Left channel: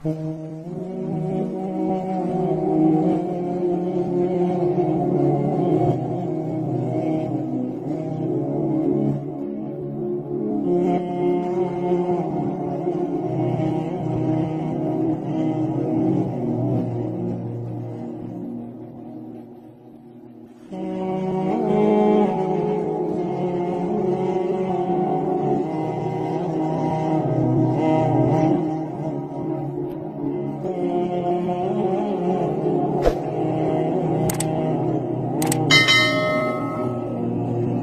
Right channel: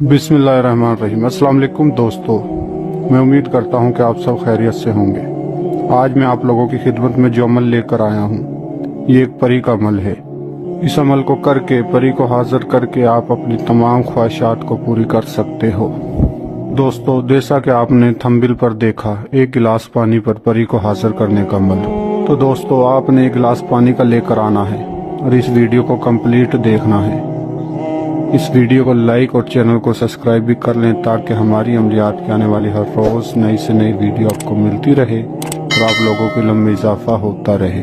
बिस्मिल्लाहिर्रहमानिर्रहीम। अस्सलाम वालेकुम दोस्तों, मैं उम्मीद करता हूं कि आप सब खैरियत से होंगे। आज मैं आप लोगों की खिदमत में जो अमल लेकर आया हूं, ये एक परी का अमल है। इस अमल को करके, परी को हाजिर करके आप अपनी तमाम ख्वाहिशात को पूरी कर सकते हो। दोस्तों, जैसा कि आपने थंबनेल पर देखा, एक गिलास पानी पर परी को हाजिर करने का अमल। तो दोस्तों, आपने एक गिलास पानी का लेकर आना है और इस वीडियो को कंप्लीट देखना है। इस वीडियो को लाइक और चैनल को सब्सक्राइब भी कर लें ताकि हमारी अमलियात की आने वाली हर रोज़ नई से नई वीडियो आपको मिलती रहे और आप लोगों के इल्म में इजाफा होता रहे।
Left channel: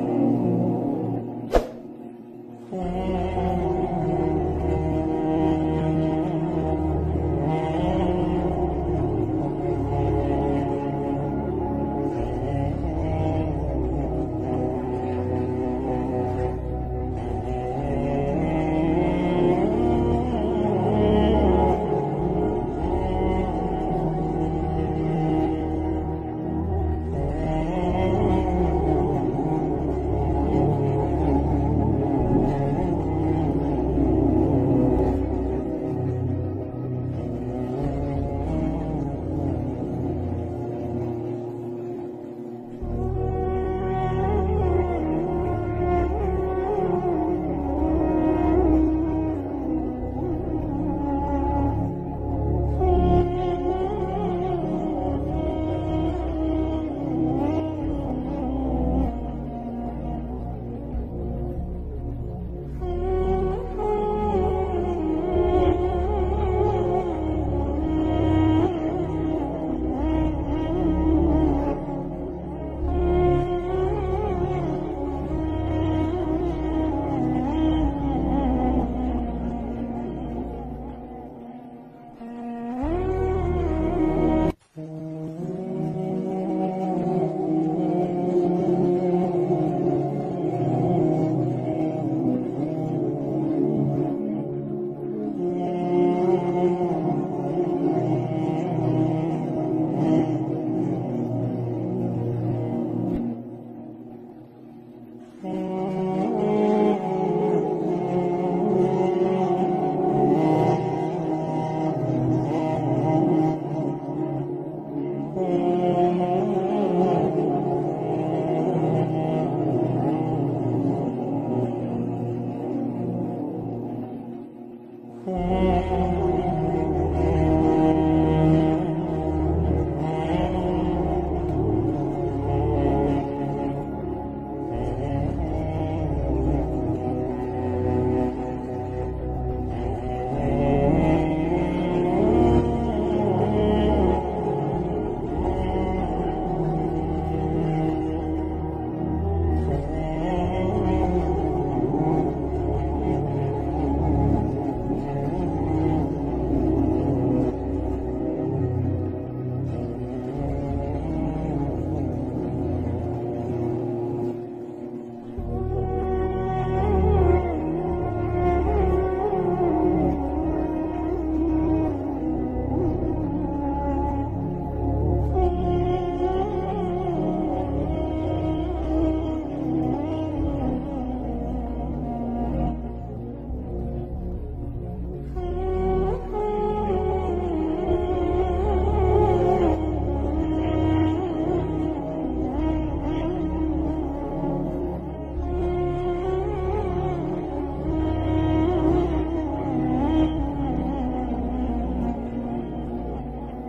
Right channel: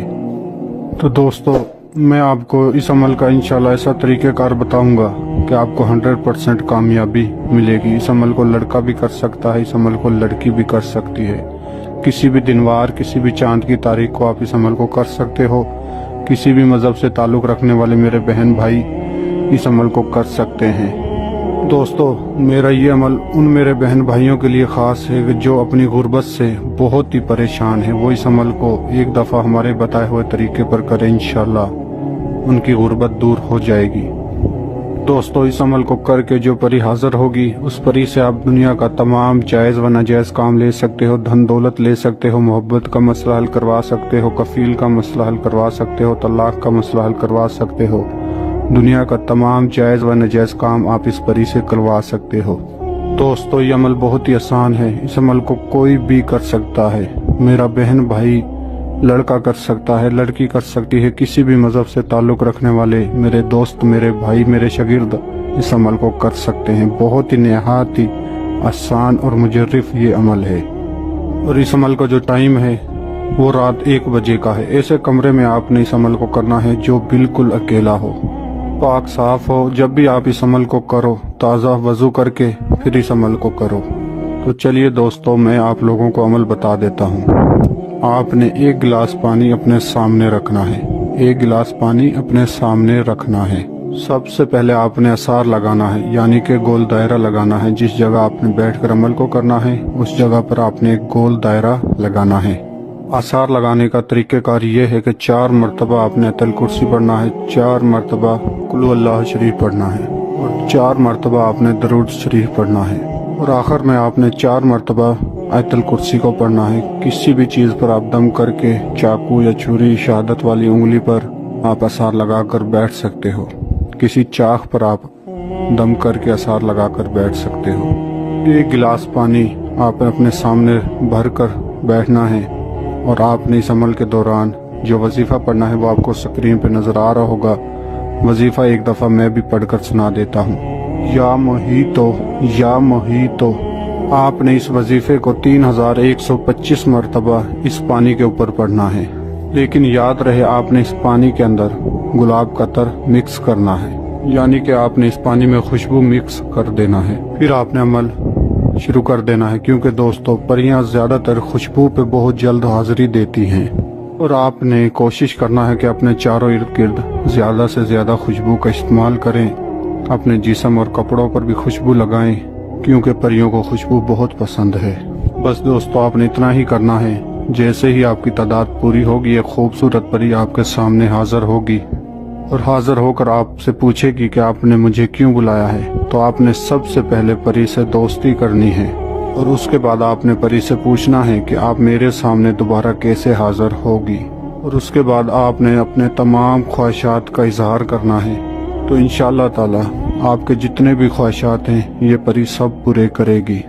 तो दोस्तों, मैं आपको इस अमल का इंशाल्लाह ऐसा तरीक़ेकार बताऊंगा कि आपको 100% कामयाबी मिलेगी। इस अमल को लड़का भी कर सकता है, इस अमल को लड़की भी कर सकती है। किसी भी दिनवार, किसी भी चाँद की तारीख को आप इस अमल को कर सकते हो। किसी भी मज़हब से ताल्लुक़ रखने वाले मेरे बहन भाई इस अमल को कर सकते हैं। दोस्तों, मेरा ये अमल उन मेरे बहन भाइयों के लिए ख़ास है कि जो अपनी गुर्बत से बहुत ही परेशान है। वो इस अमल को एक दफ़ा हमारे बताए हुए तरीके पर करें, इंशाल्लाह उनकी गुर्बत दूर हो जाएगी। दोस्तों, इस अमल को करके जो परी हाजिर होगी, उस परी से आप दुनिया का तमाम जायज़ व नाजायज़ काम ले सकते हो, धन दौलत ले सकते हो, मोहब्बत का मसला हल करवा सकते हो, कफ़ील का मसला हल करवा सकते हो, तलाक का मसला हल करवा सकते हो। दुनिया का तमाम जायज़ व नाजायज़ काम आप इस परी से करवा सकते हो। दोस्तों, ये अमल बहुत ही आसान है। इस अमल को कोई भी कर सकता है। मेरा बहन भाई लड़का कर सकता है, लड़की कर सकती है। किसी भी मज़हब से ताल्लुक़ रखने वाले मेरे दोस्त, मेरे भाई, मेरे शागिर्द इस अमल को कर सकते हैं। बहुत ही नहायत ही आसान और मुजर्रिफ ये अमल है। और इस अमल का जो टाइम है वो रात 1 बजे का है। ऐसे कमरे में आपने इस अमल को करना है जो बिल्कुल अकेला हो, पाक साफ हो। जब भी आप इस अमल को करो, ताज़ा वज़ू करके फिर इस अमल को करो। तो चलिए दोस्तों, मैं आप लोगों को अमल बता देता हूँ। आपने 1 गिलास पानी अपने सामने रखना है। 1 गिलास पानी अपने सामने रखना है। सबसे पहले आपने असार लगाना है, यानी कि गोल दायरा लगाना है। जिस जगह आपने बैठकर अमल को करना है, उस जगह पर आपने एक गोल दायरा लगाना है। आसार लगाने का तरीक़ेकार ये है कि 4 मरतबा आपने आयतुल कुर्सी पढ़ना है, 4 मरतबा कुल अल्लाह शरीफ पढ़ना है, 4 मरतबा आपने दरूद शरीफ पढ़ना है और आखिर में आपने 4 मरतबा आयतुल कुर्सी को पढ़ना है। किसी भी चीज़ पर आप दम करके, चाकू या छुरी, शहादत वाली उंगली पर आप आसार लगा कर बैठ सकते हो। किसी चाक पर आप दम करके आसार लगा कर बैठ सकते हो। 1 गिलास पानी आपने अपने सामने भर कर बैठना है और आपने इस अमल के दौरान जो वजीफ़ा पढ़ना है वो आपको स्क्रीन पे नज़र आ रहा होगा। वजीफ़ा एक दफ़ा मैं भी पढ़कर सुना देता हूँ। या मोहीतो, या मोहीतो। आपने इस वजीफ़े को 3125 मरतबा इस पानी के ऊपर पढ़ना है। लेकिन याद रहे, आपने इस पानी के अंदर गुलाब का अतर मिक्स करना है, यानी कि आपने इस पानी में खुशबू मिक्स कर देना है। फिर आपने अमल शुरू कर देना है, क्योंकि दोस्तों, परियां ज़्यादातर खुशबू पे बहुत जल्द हाजिरी देती हैं और आपने कोशिश करना है कि अपने चारों इर्द गिर्द ज़्यादा से ज़्यादा खुशबू का इस्तेमाल करें। अपने जिस्म और कपड़ों पर भी खुशबू लगाएं, क्योंकि परियों को खुशबू बहुत पसंद है। बस दोस्तों, आपने इतना ही करना है। जैसे ही आपकी तादाद पूरी होगी, एक खूबसूरत परी आपके सामने हाजिर होगी और हाजिर होकर आपसे पूछेगी कि आपने मुझे क्यों बुलाया है। तो आपने सबसे पहले परी से दोस्ती करनी है और उसके बाद आपने परी से पूछना है कि आप मेरे सामने दोबारा कैसे हाजिर होगी। और उसके बाद आपने अपने तमाम ख्वाहिशात का इजहार करना है। तो इंशाअल्लाह ताला आपके जितने भी ख्वाहिशात हैं, ये परी सब पूरे करेगी।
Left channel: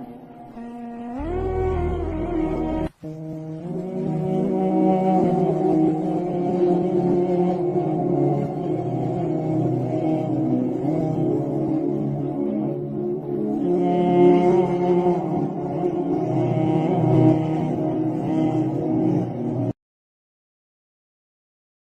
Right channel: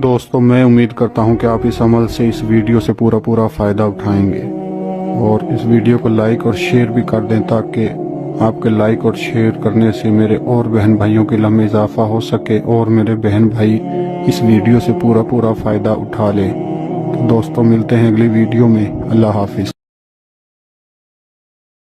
दोस्तों, मैं उम्मीद करता हूँ कि आप इस अमल से, इस वीडियो से पूरा फ़ायदा उठाएंगे और इस वीडियो को लाइक और शेयर भी कर दें ताकि आपके लाइक और शेयर करने से मेरे और बहन भाइयों के इल्म में इजाफा हो सके और मेरे बहन भाई इस वीडियो से पूरा फ़ायदा उठा लें। तो दोस्तों, मिलते हैं अगली वीडियो में। अल्लाह हाफिज़।